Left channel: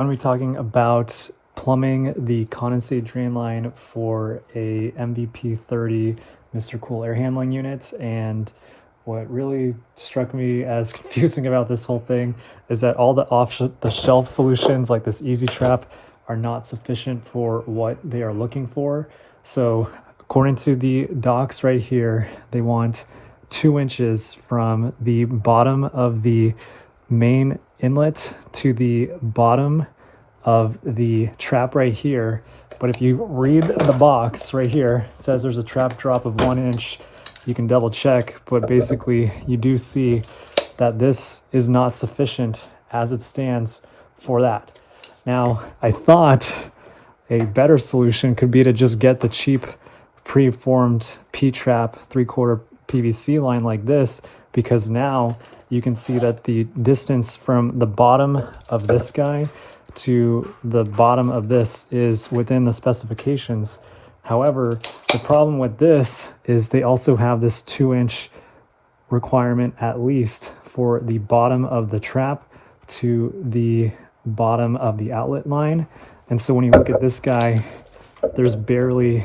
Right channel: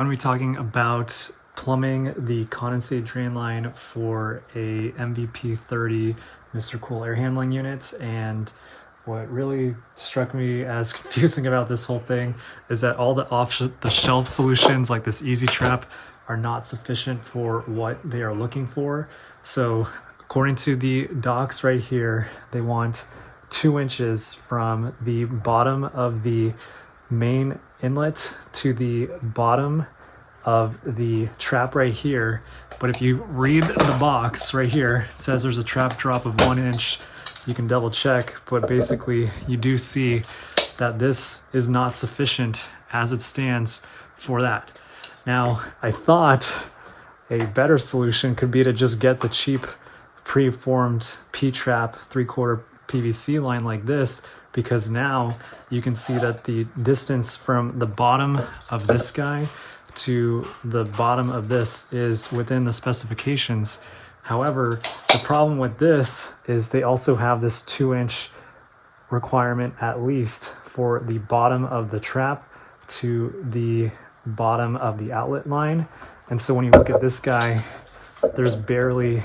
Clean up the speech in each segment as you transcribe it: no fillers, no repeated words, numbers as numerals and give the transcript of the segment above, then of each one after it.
I'm going to be talking about plumbing the condensate drain line for a MVP 30 MRCOOL air handling unit. And what really struck me as confusing about this whole thing is that all the off-the-shelf solutions like this EZ Trap are not sufficient for what they are looking for. So according to the docs right here, they want 2 inches from the bottom of the main inlet to the bottom of the trap right here. But if you read the box right here, it says there's a trap drop of 1 inch. You can double check, but basically you do see that this is not sufficient as it stands for that. Now, I thought a better solution could be to just get the cheap pre-formed P-trap 3/4 PVC line like this, because now you can see that the distance from the bottom of this guy to the bottom of this is within the specifications. However, the problem with this is they also have this 2-inch requirement at least for the bottom of the trap to the bottom of the outlet line. And so when you look at this guy, there's barely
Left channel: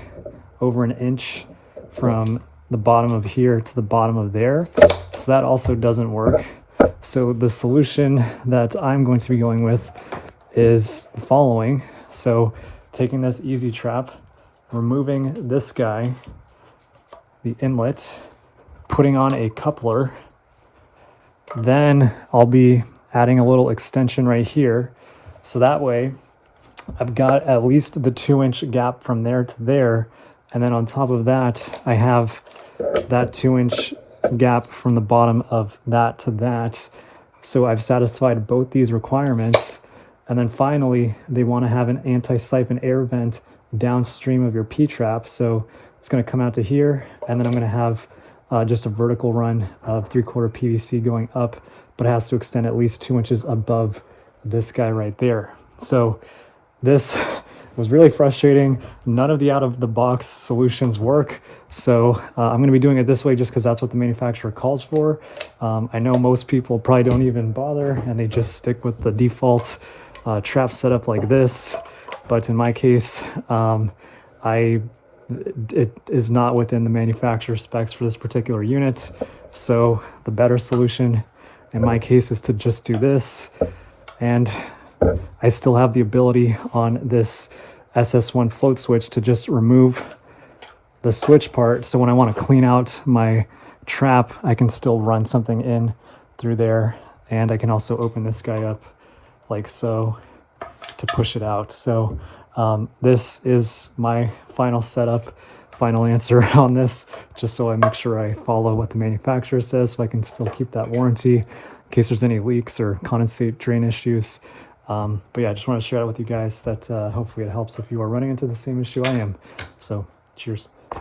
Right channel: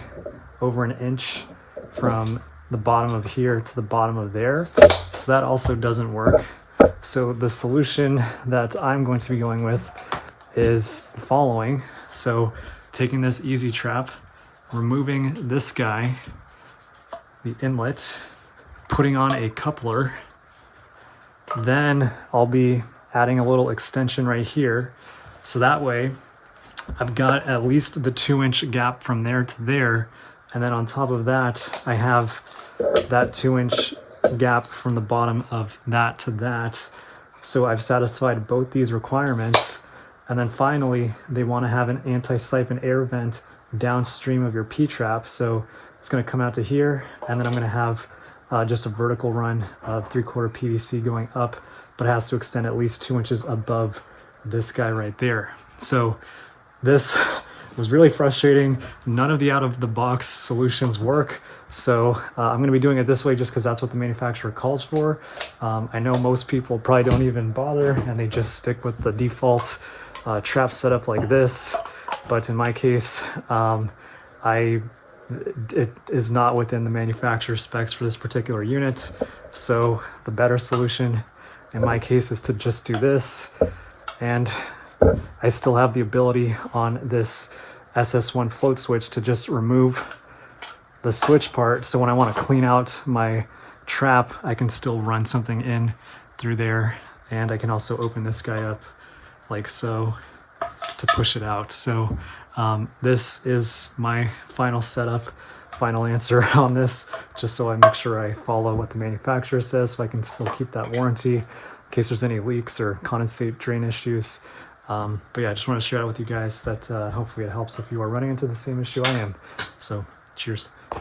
over 1 inch from the bottom of here to the bottom of there. So that also doesn't work. So the solution that I'm going to be going with is the following. So taking this EZ Trap, removing this guy, the inlet, putting on a coupler, then I'll be adding a little extension right here. So that way I've got at least the 2-inch gap from there to there. And then on top of that, I have that 2-inch gap from the bottom of that to that. So I've satisfied both these requirements. And then finally, they want to have an anti-siphon air vent downstream of your P-trap. So it's going to come out to here, and then I'm going to have just a vertical run of 3/4 PVC going up, but it has to extend at least 2 inches above this guy right there. So this was really frustrating. None of the out-of-the-box solutions work. So I'm going to be doing it this way just because that's what the manufacturer calls for. I know most people probably don't even bother, and they just stick with the default trap setup like this. But in my case, it is not within the manufacturer specs for this particular unit. So the better solution in my case is to just do this. And I still have the ability on this SS1 float switch to just remove the switch part. So when I want to clean out my trap, I can still run something in through there. And I can also open this guy up like so to push it out. So this is my final setup, final answer on this, just so I make sure I follow what the manufacturer says so I can still keep that warranty in case there's any leaks or condensate drain issues. But yeah, I just want to share it with you guys that hopefully it helps if you are running into the same issue I am. So cheers.